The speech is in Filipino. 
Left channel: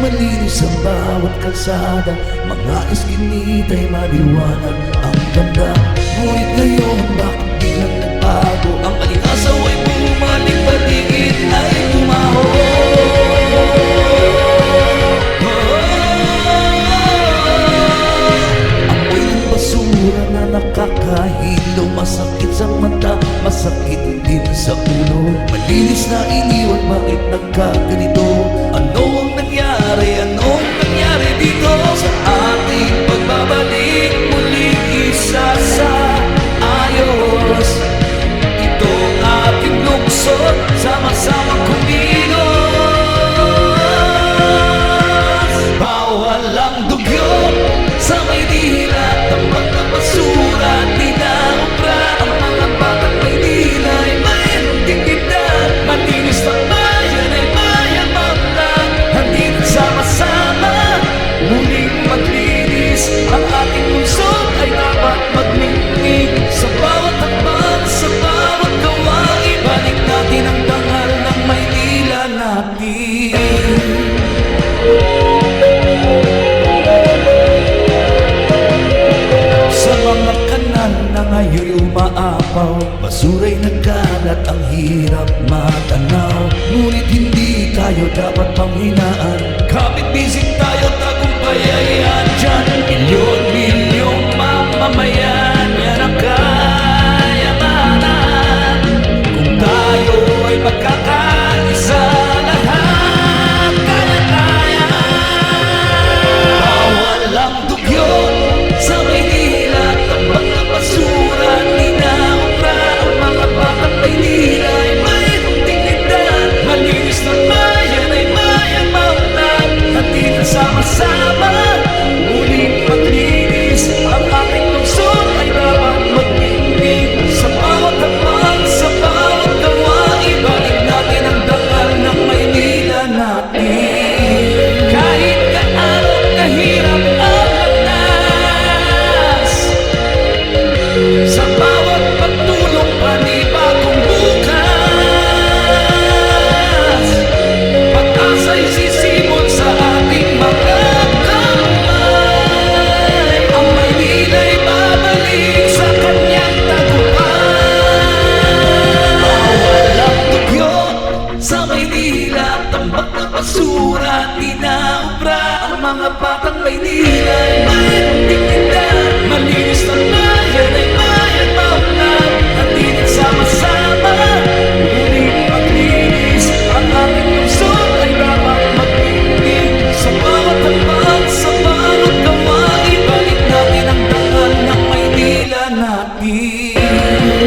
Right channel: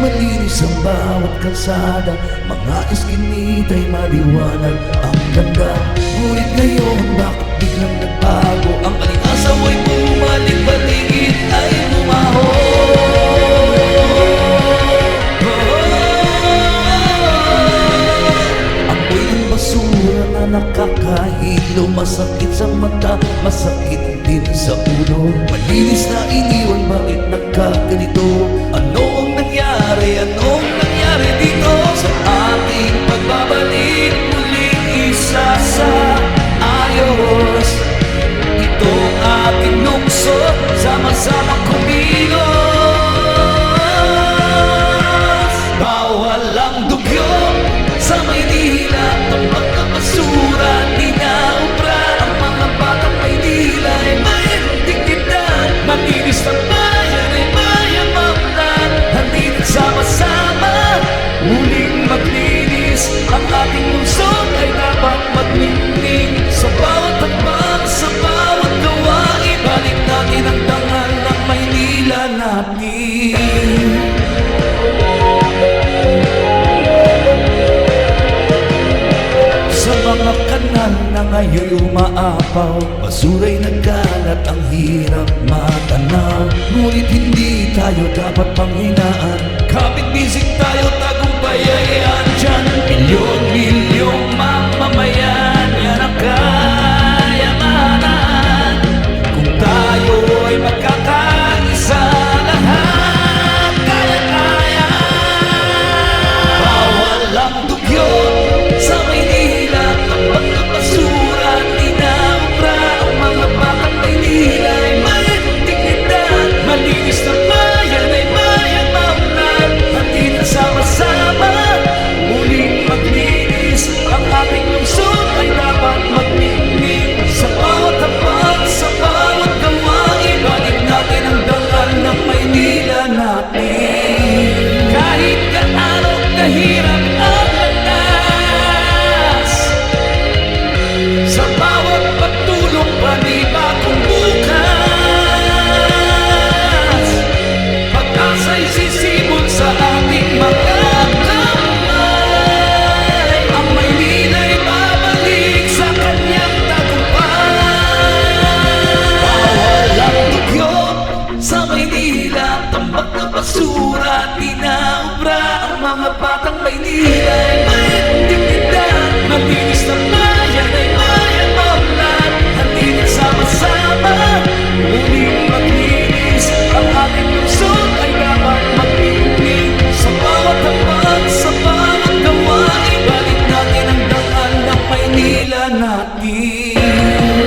malinis ang bawat kalsada. Mga iskinita ay maliwanag. Ang ganda. Ngunit ngayon bakit biglang nagbago? Ang alingasaw ay bumalik Paligid ay bumaho. Amoy ng basura na nakakahilo. Masakit sa mata, masakit din sa ulo Malinis na iniwan, bakit nagkaganito? Ano ang nangyari? Anong nangyari dito? Sa ating pagbabalik muling isa sa ayos Itong ating lungsod, sama-samang kumilos Bawal ang dugyot sa Maynila Tambak na basura, di na ubra Ang mga mayroong Malinis na bayan ay mayamamlan Halina't sama-sama Muling maglinis. Ang ating lungsod ay dapat magningning Sa bawat hakbang, sa bawat gawain Balik natin ang dangal ng Maynila natin mga kanal na ngayon umaapaw. Basura'y nagkalat, ang hirap matanaw. Ngunit hindi tayo dapat panghinaan. Kapit bisig tayo, tagumpay ay andyan Milyon-milyong mamamayan, yan ang kayamanan. Kung tayo ay magkakaisa Malinis na bayan ay bayang maunlad Halina't sama-sama. Muling maglinis Ang ating lungsod ay dapat magningning Sa bawat hakbang, sa bawat gawain Balik natin ang dangal ng Maynila natin. Kahit gaano kahirap ang landas Sa bawat pagtulong panibagong bukas basura, di na ubra. Ang mga batang Maynila ay mayroong dignidad. Malinis na bayan ay bayang maunlad. Halina't sama-sama Muling maglinis. Ang ating lungsod ay dapat magningning Sa bawat hakbang, sa bawat gawain Balik natin ang dangal ng Maynila natin